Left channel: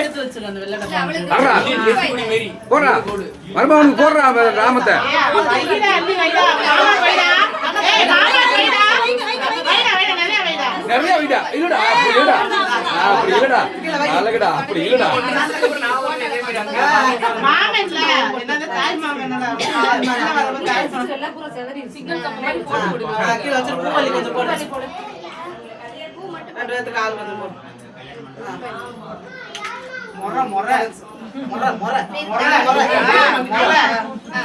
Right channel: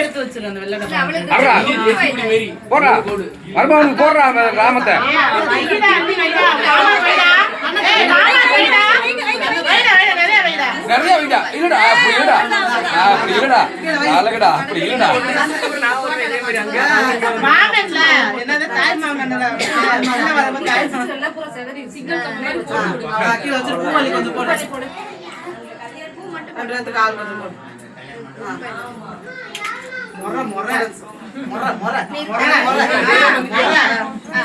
எடுத்து வச்சிருங்க போடுறா மருமகனுக்கு போடுறா ராமத்தை நிறைய வைடா இல்லடா அப்படி இல்லடா அழகடா அப்படி இல்லடா மாமன்ல என்னது தாய் மாமன்னடா நல்ல வரவங்க தாய் மாமன் பூரா செதறி சிங்கிள் கப் மாதிரி போட்டு விடுங்க கீழ வச்சு பூ மல்லி கொஞ்சம் போடு பூ மட்டும் அப்படியே கால் கொஞ்சம் போடு மொர மொர மொர மொர மொர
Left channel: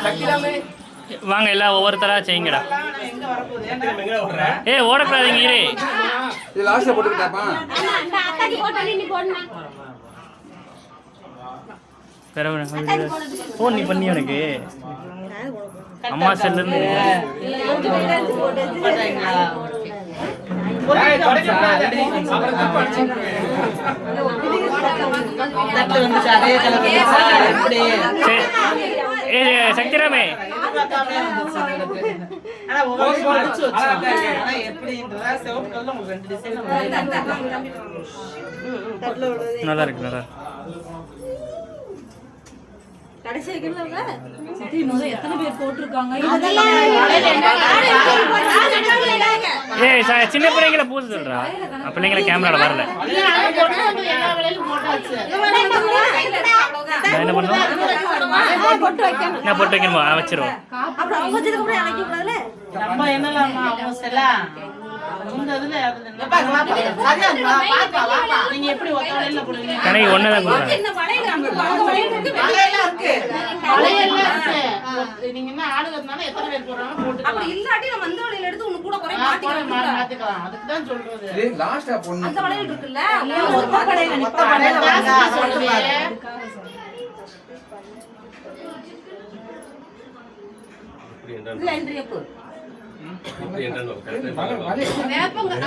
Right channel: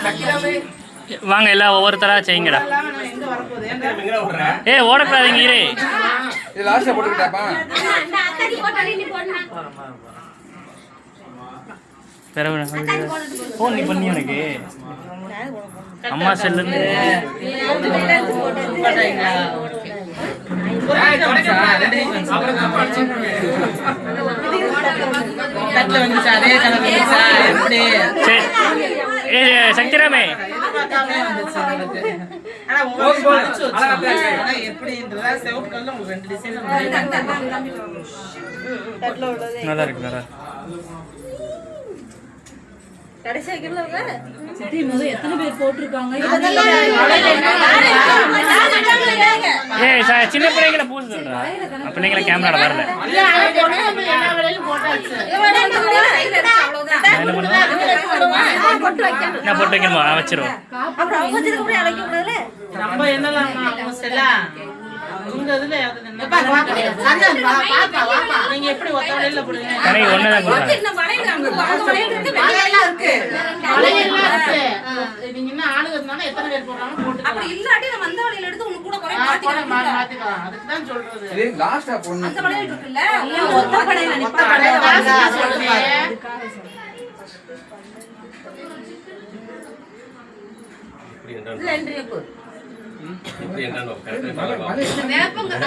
சக்கிராமே வாங்க எல்லாம் ஒவ்வொருத்தரா செய்யுங்கடா. ஏ ஓடக்கூடாதீங்க இரு. இது லாஸ்ட்ல போட்டுக்கிட்டாப்பா. ஃபோன் நீ பண்ணி எனக்கு அம்மா செல்ல இருந்து சக்திராமே நல்லா இருக்கு நல்லா எத்தனை பேர் போட்டிருக்காங்க சின்ன பிள்ளைங்களை பூச சொல்றா பிள்ளைங்களை கேமரால வரல என்ன பண்ணுவோம் என்ன போட்டு வைக்கணுமா வச்சிருவோம் ஒன்னதான்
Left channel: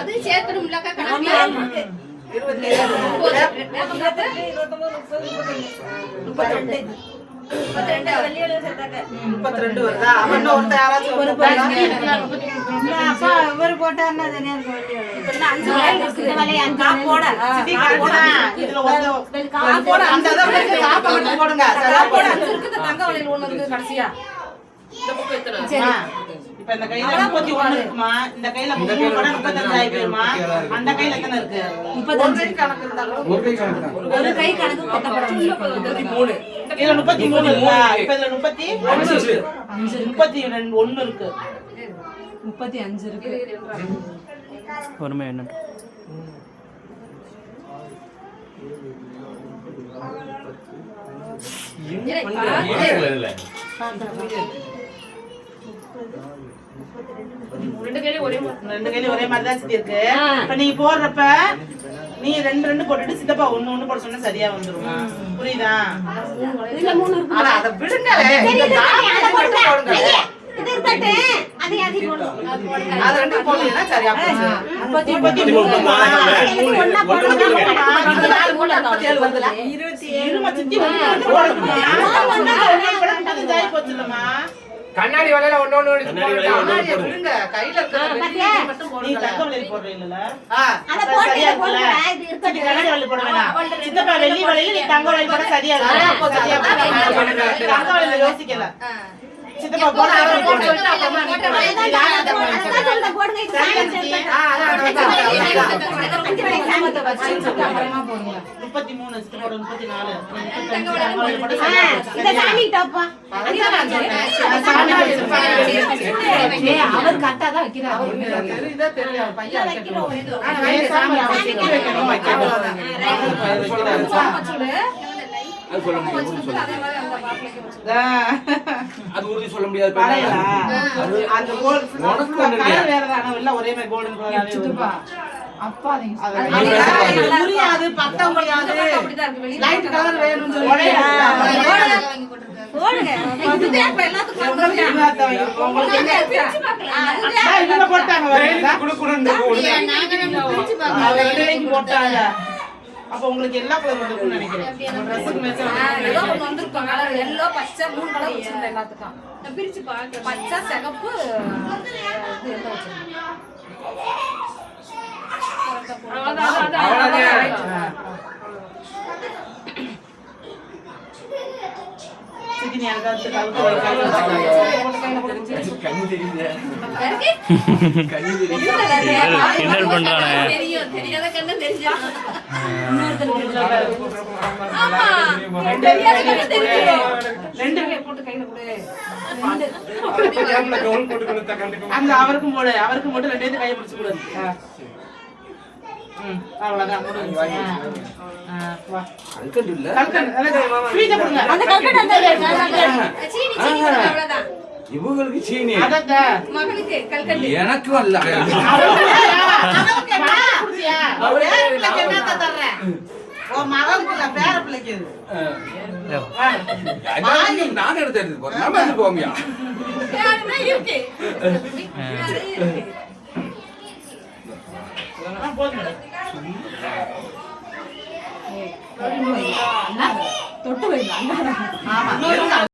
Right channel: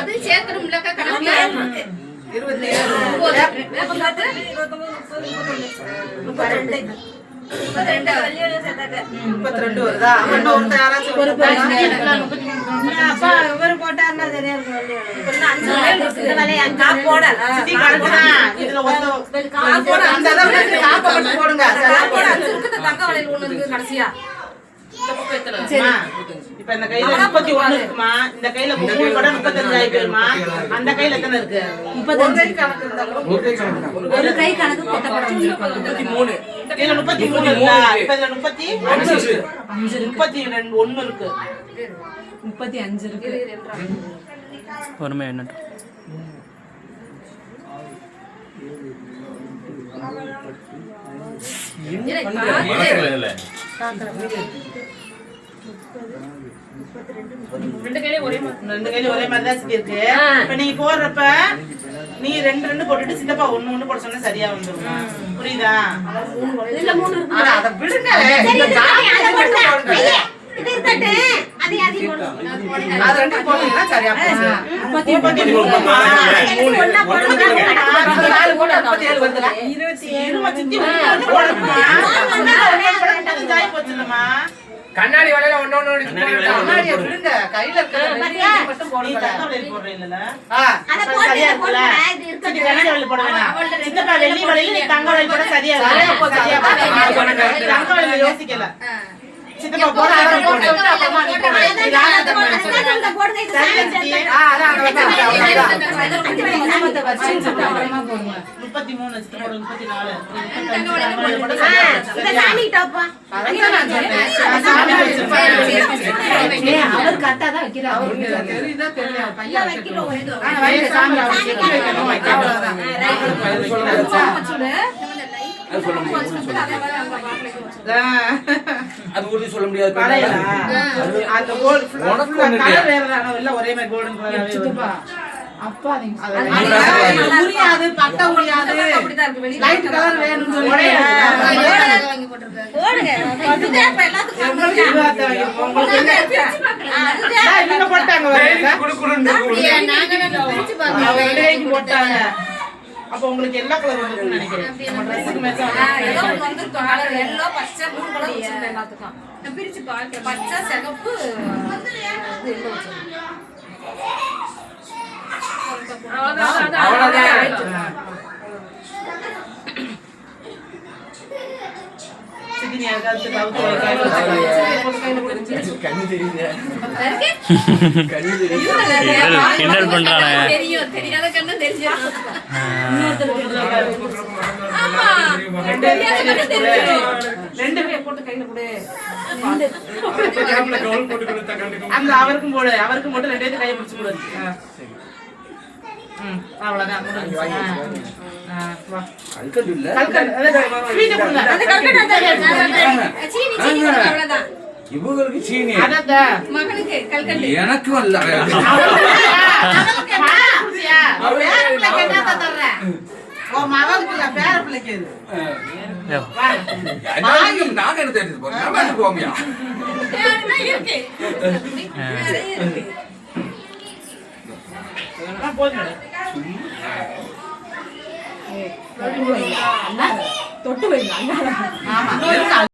அது சேர்க்கணும்ல வருதா போட்டாருன்னா கடைசியா இப்ப இந்த கையில 31 இருக்குமா இந்த கையில 35 ஆயிடுமா அந்த கையில எத்தனை இருக்கு 35 கணக்கு இருந்தாலும் ஒரு கை கணக்கு கொட்டப்படும் 33 இதுல 33 இருக்கா இப்ப இதுல 31 இருக்கு 35 இருக்கு ஒருமே என்ன ரெண்டு கையில ஒரே மாதிரி தான் இருக்கு. இப்ப நீங்க போடுறப்ப நீ 2 போட்டுட்டு சித்தப்பா 1 போட சொன்னா சரியா வந்துரும். புரியுதா? இதுல 3 இருக்கு. அத விடுங்க. இது இருக்கட்டே. அது போடுங்க. அது 2 போடுங்க சரியா போச்சு. 33 ஒண்ணா போடுங்க. 4 போடு 37 வந்துல. 27 மச்சி 1 போடுமா. ஜாய் போச்சுலமா. கண்ணாடி வலையில ஒண்ணு கண்ணாடியை விடுங்க கையில இருக்க மட்டும் போடுங்க. நீ தங்க வலையில போடுற இல்லல அத போடுங்க போடுங்க இது இருக்கட்டும் கண்ணாடி வலையில போட வேணாம் சித்தப்பா வெள்ளி வலையில நீ தங்க வலையில போட சரியா இருக்கு தங்க வலையில யோசிக்கல சித்தப்பா போடுற அப்புறமா நீ போடுங்க இது அத வச்சு 33 சித்தப்பா 34 இந்த சாமி டாப்பா அவர் கரெக்ட்டா தான் வைக்கிறார் அவருக்கு தெரியுதா தெரியல பையன் வைக்கணும் ஆனா வயல சாமி வைக்கணும் அது சொல்ல முடியாது அது உறுதி சொல்ல முடியாது அந்த கோல்ட் கலர் வேறதானோ இல்ல ஒரே மாதிரி கோல்டன் கலராவே வருது அப்பா நீங்க புரியாது பத்த முடியாது லைட் கலர் வேணும்னு சொல்லி வாங்கி போட்டுருக்காங்க போடுங்க இதுதே இப்ப எல்லாத்துக்கும் உங்களுக்கு என்ன பிரிச்சு பார்க்கலாம் இவங்க போட்டாங்க குளு குளுன்னு பிரிச்சு பார்க்கலாம் அவங்க போட்டாங்க அப்ப உங்களுக்கு எல்லா கலரும் இருக்குன்னு நினைக்கிறேன் நம்ம Dressக்கு மேட்ச் ஏதோ ஒன்னு வந்திருக்கும் கலர் எல்லோ பச்சை 3 கலர் வச்சிருந்த எல்லாத்துக்கும் நான் பிரிச்சு பார்க்க பச்சை சிகப்பு இது எல்லோ வச்சிருக்கேன் அவ்வளவுதான் சிக்கினி அதாவது கவுத்து கண்ணு தெரியுது கண்ணு கிண்டல் பண்றானே. தெரியும் தெரியாத கண்ணு தெரிஞ்சிடும். ஆமா ரெண்டு தெரியாத கண்ணு தெரிஞ்சிடும். ரெண்டு பேர் போட்டு கையில கொடு. அந்த அவருக்கும் போடு, அவருக்கும் போட்டு ரெண்டு பேரும் கையை பிடிச்சு கொடு. அவ்வளவுதான் முடிஞ்சு. வா அல்கண்டு இல்ல கல்கண்டு அத ஸ்வீட் கொடுங்க. அந்த கல்கண்டு அந்த சீனி சீனி அவ்வளவுதான். இவங்களுக்கு சீனி அதத மகளுக்கு கல்கண்டு. எனக்கும் அல்ல அவருக்கு என்ன குடியா? பேர பிள்ளைக்கு என்ன தர்றேன்? ஓ மகளுக்கு இல்ல பேர பிள்ளைக்கு இது. நான் எடுத்து போறேன். நம்ம எடுத்து போமியா யாருன்னா இருக்கு. இருக்கு. போதும். தொட்டு வைங்க. ஆமா